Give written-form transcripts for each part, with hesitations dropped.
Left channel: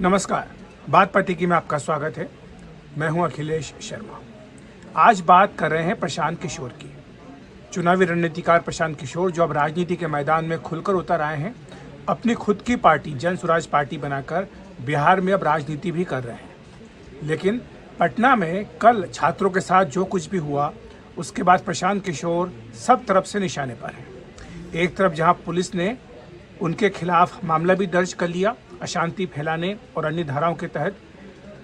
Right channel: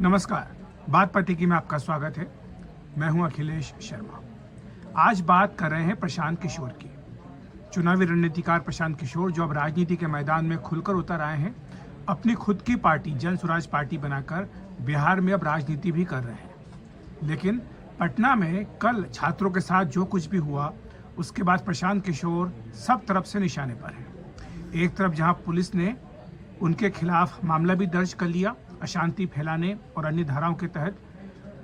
नमस्कार, बात पार्टी में आपका स्वागत है। मैं हूं अखिलेश शर्मा। आज बात कर रहे हैं प्रशांत किशोर की। चुनावी रणनीतिकार प्रशांत किशोर जो अब राजनीति के मैदान में खुलकर उतर आए हैं, अपनी खुद की पार्टी जन स्वराज पार्टी बनाकर बिहार में अब राजनीति भी कर रहे हैं। लेकिन पटना में कल छात्रों के साथ जो कुछ भी हुआ, उसके बाद प्रशांत किशोर सब तरफ से निशाने पर हैं। एक तरफ जहां पुलिस ने उनके खिलाफ मामला भी दर्ज कर लिया अशांति फैलाने और अन्य धाराओं के तहत,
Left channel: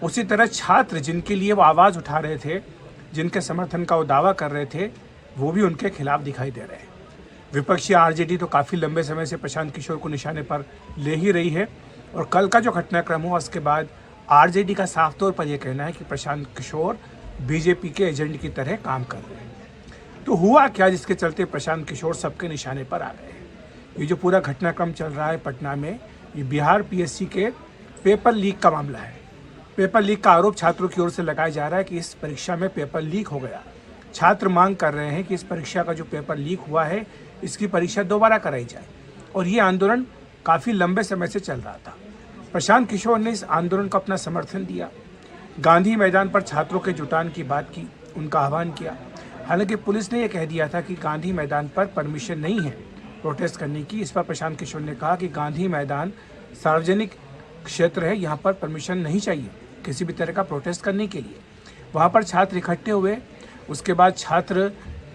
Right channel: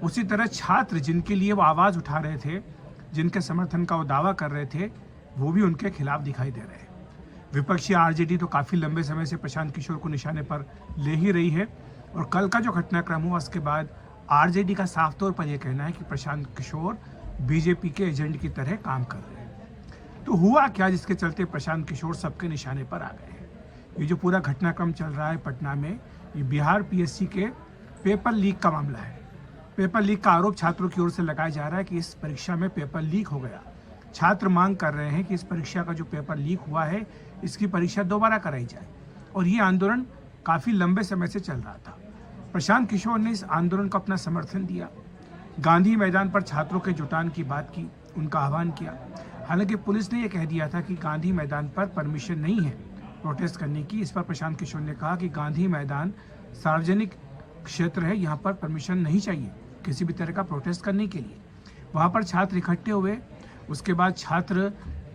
उसी तरह छात्र जिनके लिए वो आवाज़ उठा रहे थे, जिनके समर्थन का वो दावा कर रहे थे, वो भी उनके खिलाफ दिखाई दे रहे हैं। विपक्षी आरजेडी तो काफ़ी लंबे समय से प्रशांत किशोर को निशाने पर ले ही रही है और कल का जो घटनाक्रम हुआ उसके बाद आरजेडी का साफ तौर पर यह कहना है कि प्रशांत किशोर बीजेपी के एजेंट की तरह काम कर रहे हैं। तो हुआ क्या जिसके चलते प्रशांत किशोर सबके निशाने पर आ गए हैं? ये जो पूरा घटनाक्रम चल रहा है पटना में, ये बिहार पीएससी के पेपर लीक का मामला है। पेपर लीक का आरोप छात्रों की ओर से लगाया जा रहा है कि इस परीक्षा में पेपर लीक हो गया। छात्र मांग कर रहे हैं कि इस परीक्षा का जो पेपर लीक हुआ है, इसकी परीक्षा दोबारा कराई जाए और ये आंदोलन काफ़ी लंबे समय से चल रहा था। प्रशांत किशोर ने इस आंदोलन को अपना समर्थन दिया, गांधी मैदान पर छात्रों के जुटान की बात की, उनका आह्वान किया। हालांकि पुलिस ने यह कह दिया था कि गांधी मैदान पर परमिशन नहीं है प्रोटेस्ट करने की। इस पर प्रशांत किशोर ने कहा कि गांधी मैदान सार्वजनिक क्षेत्र है, यहाँ पर परमिशन नहीं चाहिए किसी भी तरह का प्रोटेस्ट करने के लिए। वहाँ पर छात्र इकट्ठे हुए। उसके बाद छात्र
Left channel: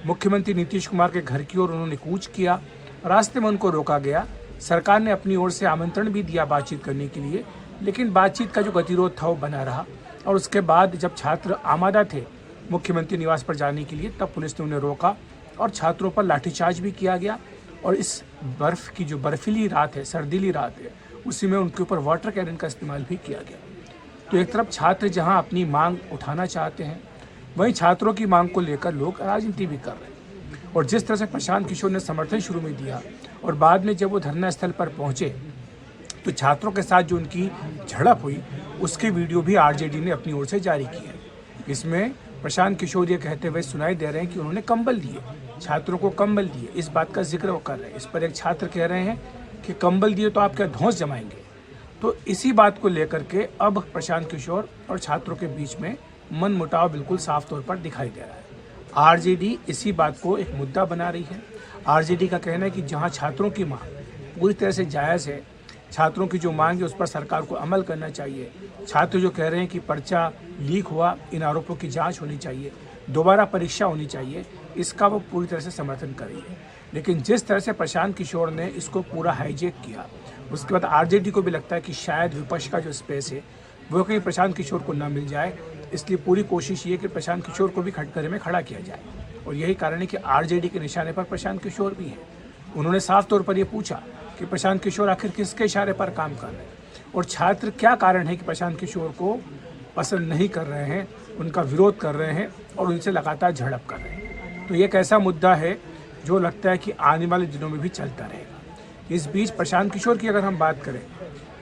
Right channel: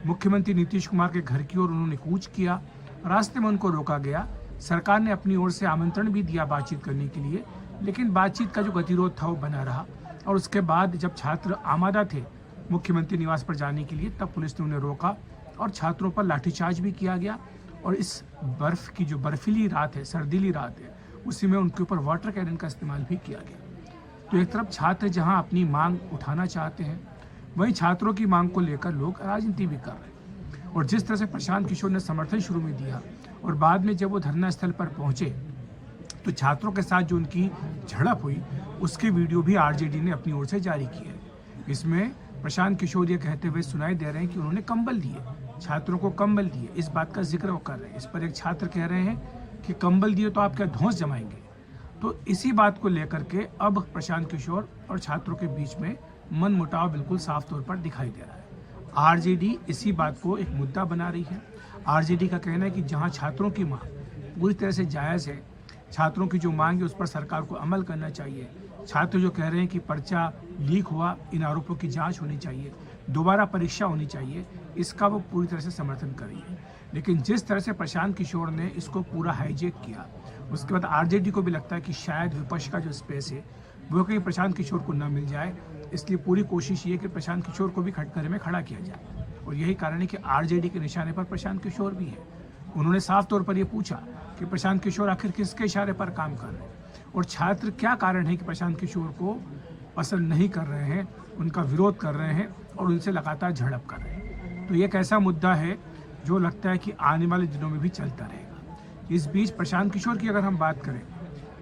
मुख्यमंत्री नीतीश कुमार के घर की ओर उन्होंने कूच किया। रास्ते में उनको रोका गया। सरकार ने अपनी ओर से आमंत्रण भी दिया बातचीत करने के लिए, लेकिन बातचीत का जो गतिरोध था वो बना रहा। और उसके बाद जब छात्र आमादा थे मुख्यमंत्री निवास पर जाने के लिए, तब पुलिस ने उन्हें रोका और छात्रों पर लाठीचार्ज भी किया गया। और इस बर्फ़ की जो बर्फीली रात है, सर्दीली रात है, उसी में उनके ऊपर वाटर कैनन का इस्तेमाल भी किया गया। तो एक तरफ छात्र जहां अपनी मांग उठाना चाहते हैं, वहीं छात्रों की मांग को लेकर लोग राजनीति भी कर रहे हैं। और जिस तरह से प्रशांत किशोर ने समर्थन शुरू में दिया और बाद में जब वो धरना स्थल पर पहुंचे तो छात्रों के साथ जो उनकी झड़प हुई, उसके वीडियो भी आरजेडी ने अपनी ओर से जारी किए। इसमें प्रशांत किशोर ये कहते हुए सुनाई दे रहे हैं कि उन्होंने कंबल दिए, छात्रों को कंबल दिए। इस बात का जिक्र वो कर रहे हैं। इस पर एक छात्र कह रहे हैं कि कंबल दिए तो आप क्या धौंस जमाएंगे। तो इसी बात को लेकर के अब प्रशांत किशोर और छात्रों के बीच में मन मुटाव बिल्कुल साफ तौर पर दिखाई दे रहा है। आरजेडी इसी बात को एक मुद्दा बना रही है। आरजेडी का कहना है कि जहां छात्रों की मांग पूरी तरह से जायज़ है, छात्रों की जो मांग है उस पर सरकार को अमल करना चाहिए। छात्र जो कह रहे हैं कि पर्चा लीक हुआ, इन आरोपों की जाँच होनी चाहिए, दोबारा परीक्षा होनी चाहिए, इसका वो पूरी तरह से समर्थन कर रही है। लेकिन जिस तरह से प्रशांत किशोर ने इसको पूरा हाईजेक किया, उसके बाद आरजेडी को भी लगता है कि शायद विपक्ष का जो स्पेस है वो कहीं प्रशांत किशोर को ना मिल जाए। इसलिए पूरी कोशिश ये कि प्रशांत किशोर को भी कटघरे में खड़ा किया जाए। और यही कारण है कि आरजेडी के निशाने पर प्रशांत किशोर भी है। उन्होंने साफ तौर पर यह पूछा कि प्रशांत किशोर आखिर किसके इशारे पर काम कर रहे हैं और छात्र क्या कारण है कि प्रशांत किशोर को पसंद नहीं कर रहे हैं, उनका विरोध कर रहे हैं और उनसे लगातार झड़प कर रहे हैं। तो ये एक ऐसा मुद्दा है जो लगता है कि आने वाले दिनों में भी चलता रहेगा। इस बीच प्रशांत किशोर की अगर हम बात करें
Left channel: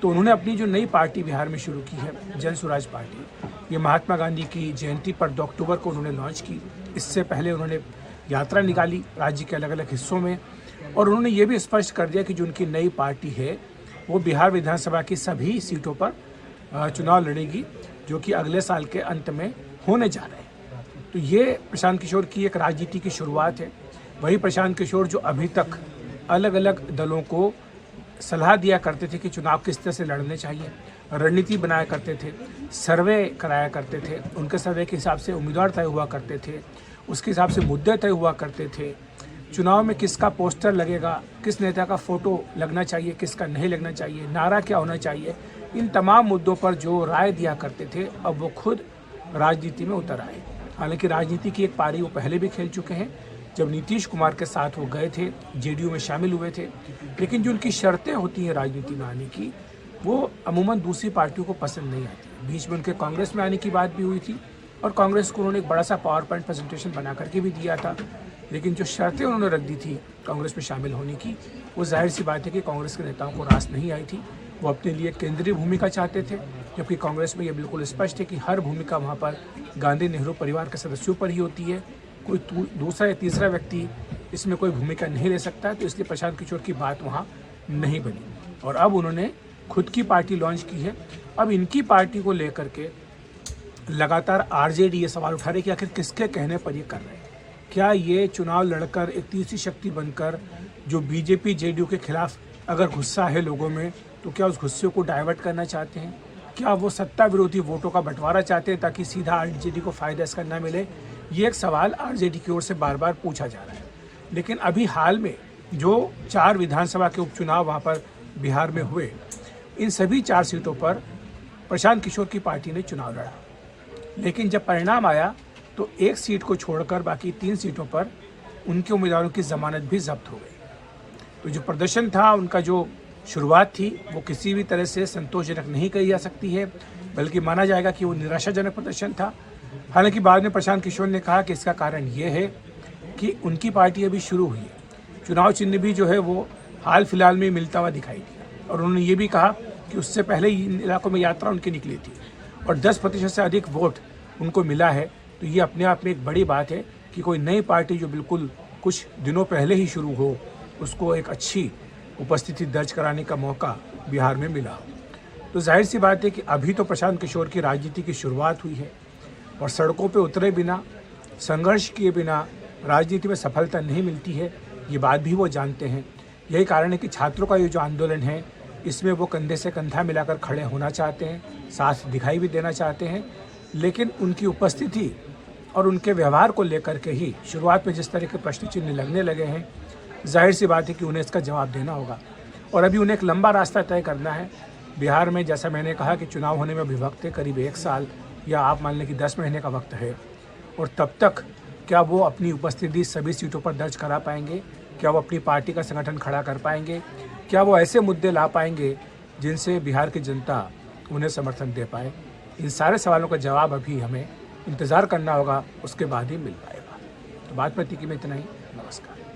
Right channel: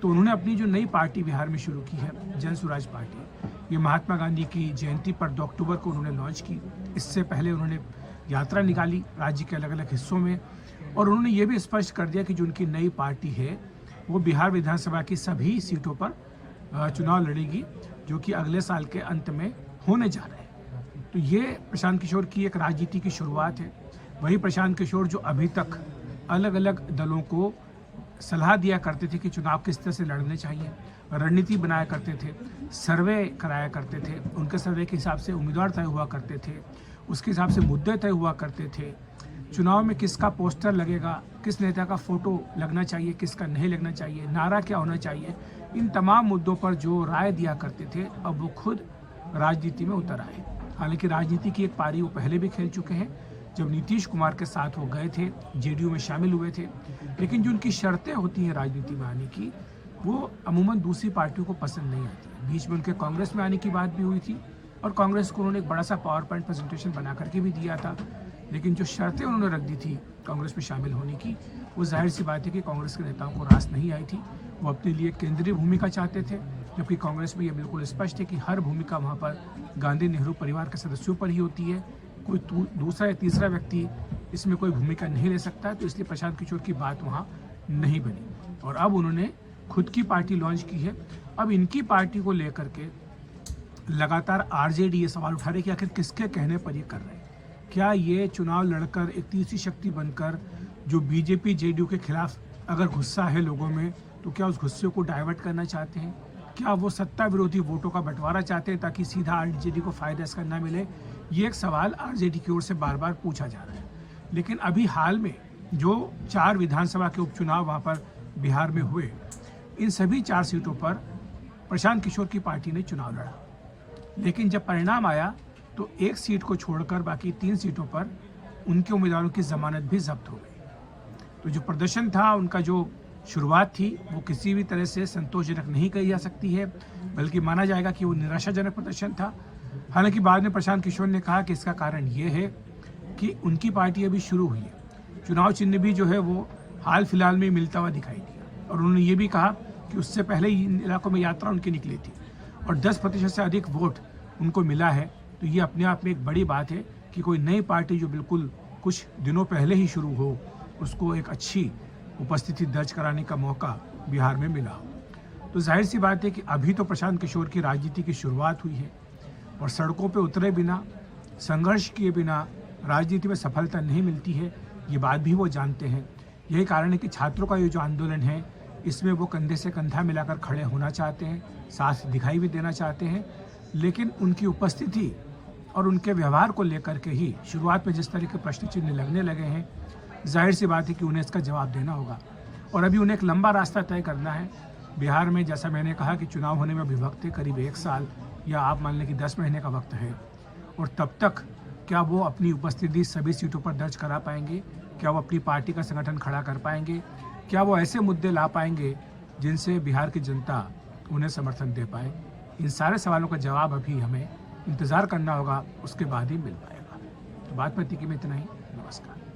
तो उन्होंने अपनी जो नई पार्टी बिहार में शुरू की है, जन स्वराज पार्टी, ये महात्मा गांधी की जयंती पर 2 अक्टूबर को उन्होंने लॉन्च की। इससे पहले उन्होंने यात्रा निकाली राज्य के अलग अलग हिस्सों में और उन्होंने ये भी स्पष्ट कर दिया कि जो उनकी नई पार्टी है वो बिहार विधानसभा की सभी सीटों पर चुनाव लड़ेगी, जो कि अगले साल के अंत में होने जा रहे हैं। तो ये प्रशांत किशोर की एक राजनीति की शुरुआत है। वही प्रशांत किशोर जो अभी तक अलग अलग दलों को सलाह दिया करते थे कि चुनाव किस तरह से लड़ने चाहिए, रणनीति बनाया करते थे, सर्वे कराया करते थे, उनके सर्वे के हिसाब से उम्मीदवार तय हुआ करते थे, उसके हिसाब से मुद्दे तय हुआ करते थे, चुनाव में किसका पोस्टर लगेगा, किस नेता का फोटो लगना चाहिए, किसका नहीं लगना चाहिए, नारा क्या होना चाहिए, इन तमाम मुद्दों पर जो राय दिया करते थे, अब वो खुद राजनीति में उतर आए। हालांकि राजनीति की एक पारी वो पहले भी खेल चुके हैं, जब नीतीश कुमार के साथ वो गए थे, जेडीयू में शामिल हुए थे। लेकिन जो उनकी शर्तें होती हैं राजनीति में आने की, वो अमूमन दूसरी पार्टियों को पसंद नहीं आती। बीच में उनके कांग्रेस में आने की बात भी हुई थी और कांग्रेस को उन्होंने एक बड़ा सा पावर पॉइंट प्रेजेंटेशन बना करके भी दिया था। लेकिन जो शर्तें उन्होंने रख दी थी कांग्रेस में शामिल होने की, वो जाहिर सी बात है कि कांग्रेस के नेताओं को रास नहीं आई थी। वो अपने लिए केंद्रीय भूमिका चाहते थे, जबकि कांग्रेस में ये बिल्कुल स्पष्ट है कि हर भूमिका वहाँ पर गांधी नेहरू परिवार के सदस्यों पर ही होती है। कोई दूसरा या तीसरा व्यक्ति इसमें कोई भूमिका नहीं ले सकता। तो इसलिए प्रशांत किशोर की बात वहाँ नहीं बनी और अब उन्होंने खुद की पार्टी लॉन्च की है अब इनकी पार्टी को लेकर के लगातार आरजेडी ये सवाल उठा रही कि आखिर किसके कहने पर ये कर रहे हैं। क्या ये चुनाव लड़कर एक तीसरी शक्ति बनकर जो बीजेपी जेडीयू के खिलाफ अगर गुस्सा है लोगों में, तो क्या उस गुस्से को डाइवर्ट करना चाहते हैं? क्या वो सत्ता विरोधी वोटों का बंटवारा चाहते हैं ताकि सीधा आरजेडी को फायदा इसका न मिले? ये एक सवाल आरजेडी की ओर से बार बार पूछा जा रहा है। लेकिन अभी हाल में जो 4 विधानसभा के उपचुनाव वहाँ पर बिहार में हुए, इन सभी 4 सीटों पर प्रशांत किशोर की पार्टी ने चुनाव लड़ा। लेकिन जब परिणाम आया तो एक सीट को छोड़कर बाकी 3 सीटों पर उनके उम्मीदवारों की जमानत भी जब्त हो गई। तो जो प्रदर्शन था, उनका जो शुरुआत थी, वो किसी भी तरह से संतोषजनक नहीं कही जा सकती है, बल्कि माना जाएगा कि वो निराशाजनक प्रदर्शन था। हालांकि बाद में प्रशांत किशोर ने कहा कि इसका कारण ये है कि उनकी पार्टी अभी शुरू हुई है, चुनाव चिन्ह भी जो है वो हाल फिलहाल में मिलता हुआ दिखाई दिया। और उन्होंने ये भी कहा कि उससे पहले इन इलाकों में यात्रा उनकी निकली थी और 10% से अधिक वोट उनको मिला है। तो ये अपने आप में एक बड़ी बात है कि कोई नई पार्टी जो बिल्कुल कुछ दिनों पहले ही शुरू हो, उसको एक अच्छी उपस्थिति दर्ज कराने का मौका बिहार में मिला हो। तो जाहिर सी बात है कि अभी तो प्रशांत किशोर की राजनीति की शुरुआत हुई है और सड़कों पे उतरे बिना, संघर्ष किए बिना राजनीति में सफलता नहीं मिलती है, ये बात भी वो जानते हैं। यही कारण है कि छात्रों का ये जो आंदोलन है, इसमें वो कंधे से कंधा मिलाकर खड़े होना चाहते हैं, साथ दिखाई भी देना चाहते हैं। लेकिन उनकी उपस्थिति और उनके व्यवहार को लेकर के ही शुरुआत में जिस तरह के प्रश्न चिन्ह लगने लगे हैं, जाहिर सी बात है कि उन्हें इसका जवाब देना होगा। और अभी उन्हें एक लंबा रास्ता तय करना है। बिहार में जैसा मैंने कहा कि चुनाव होने में अभी वक्त है, करीब 1 साल या आप मान लें कि 10 महीने का वक्त है। और तब तक क्या वो अपनी उपस्थिति सभी सीटों पर दर्ज करा पाएंगे? क्या वो अपनी पार्टी का संगठन खड़ा कर पाएंगे? क्या वो ऐसे मुद्दे ला पाएंगे जिनसे बिहार की जनता उन्हें समर्थन दे पाए? इन सारे सवालों का जवाब अभी हमें इंतज़ार करना होगा, उसके बाद ही मिल पाएगा। तो बात प्रतिकी में इतना ही। नमस्कार।